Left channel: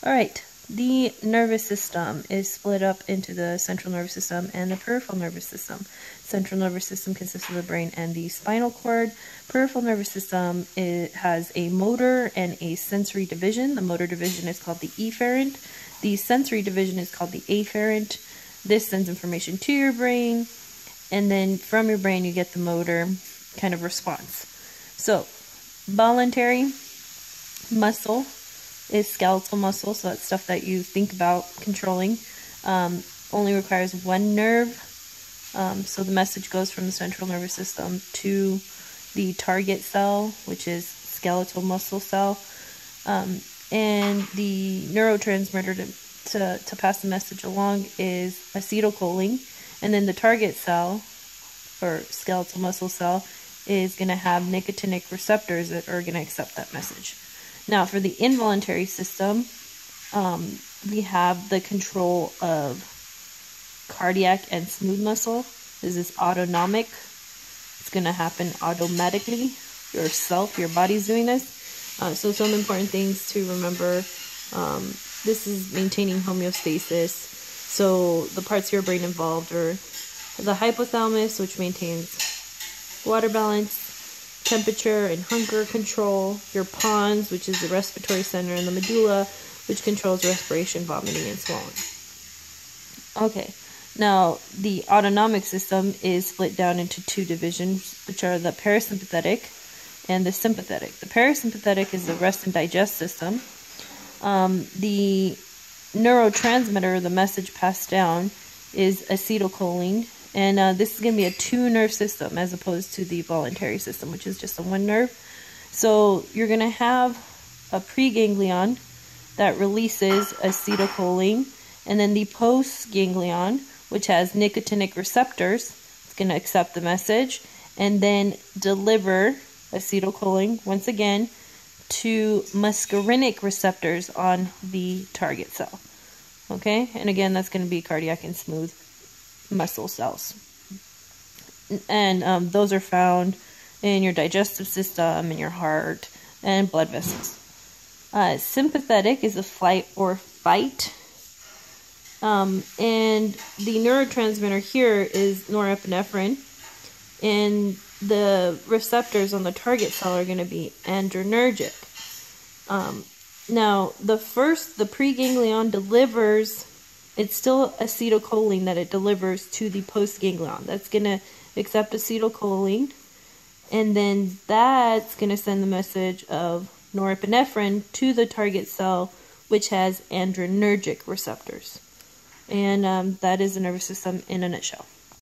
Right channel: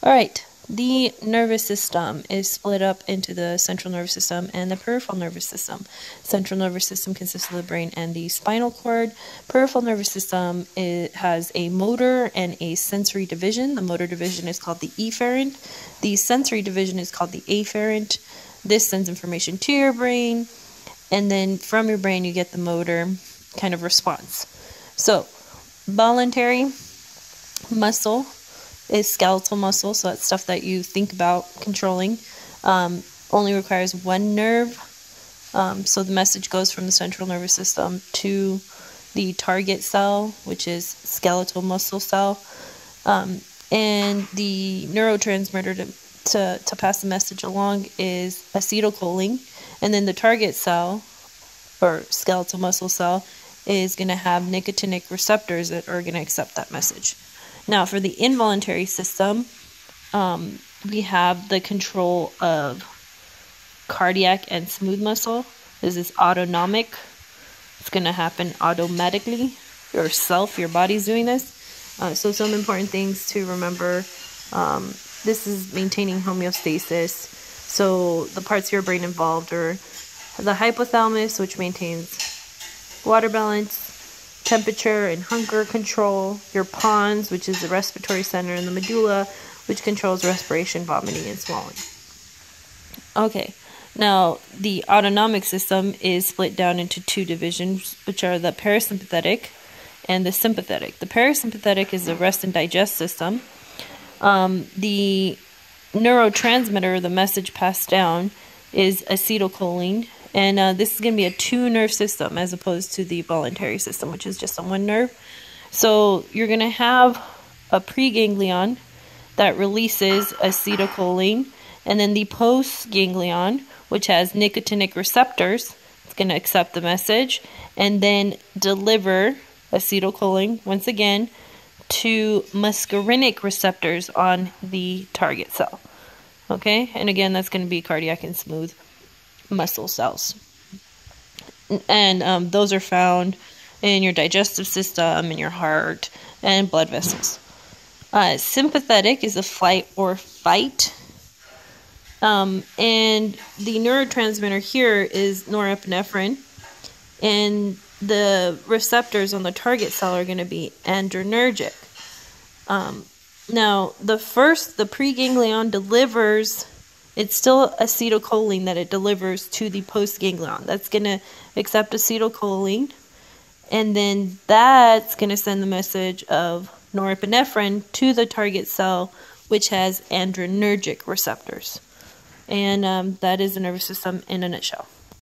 All right, the nervous system is split up into the central nervous system and the peripheral nervous system. Central nervous system consists of the brain and the spinal cord. Peripheral nervous system, it has a motor and a sensory division. The motor division is called the efferent. The sensory division is called the afferent. This sends information to your brain, and then from your brain you get the motor kind of response. So, voluntary muscle is skeletal muscle, so that's stuff that you think about controlling. Only requires one nerve, so the message goes from the central nervous system to the target cell, which is skeletal muscle cell, and the neurotransmitter to pass the message along is acetylcholine, and then the target cell, or skeletal muscle cell, is going to have nicotinic receptors that are going to accept that message. Now, for the involuntary system, we have the control of cardiac and smooth muscle. This is autonomic. It's going to happen automatically. Yourself, your body's doing this. So some important things to remember. This is maintaining homeostasis. So the parts of your brain involved are the hypothalamus, which maintains water balance, temperature and hunger control, your pons, which is the respiratory center, and the medulla, which controls respiration, vomiting, and swallowing. Okay, now the autonomic system is split down into two divisions, which are the parasympathetic and the sympathetic. The parasympathetic is the rest and digest system. The neurotransmitter, the message passed down, is acetylcholine. And this is going to be a two-nerve system as opposed to the voluntary system, which is just a one nerve. So you're going to have a preganglion that releases acetylcholine, and then the postganglion, which has nicotinic receptors, it's going to accept the message, and then deliver acetylcholine, once again, to muscarinic receptors on the target cell. Okay, and again, that's going to be cardiac and smooth muscle cells. And those are found in your digestive system, in your heart, and blood vessels. Sympathetic is a flight or fight. And the neurotransmitter here is norepinephrine. And the receptors on the target cell are going to be adrenergic. Now, the preganglion delivers, it's still acetylcholine that it delivers to the postganglion. That's going to accept acetylcholine, and then that's going to send the message of norepinephrine to the target cell, which has adrenergic receptors. And that is the nervous system in a nutshell.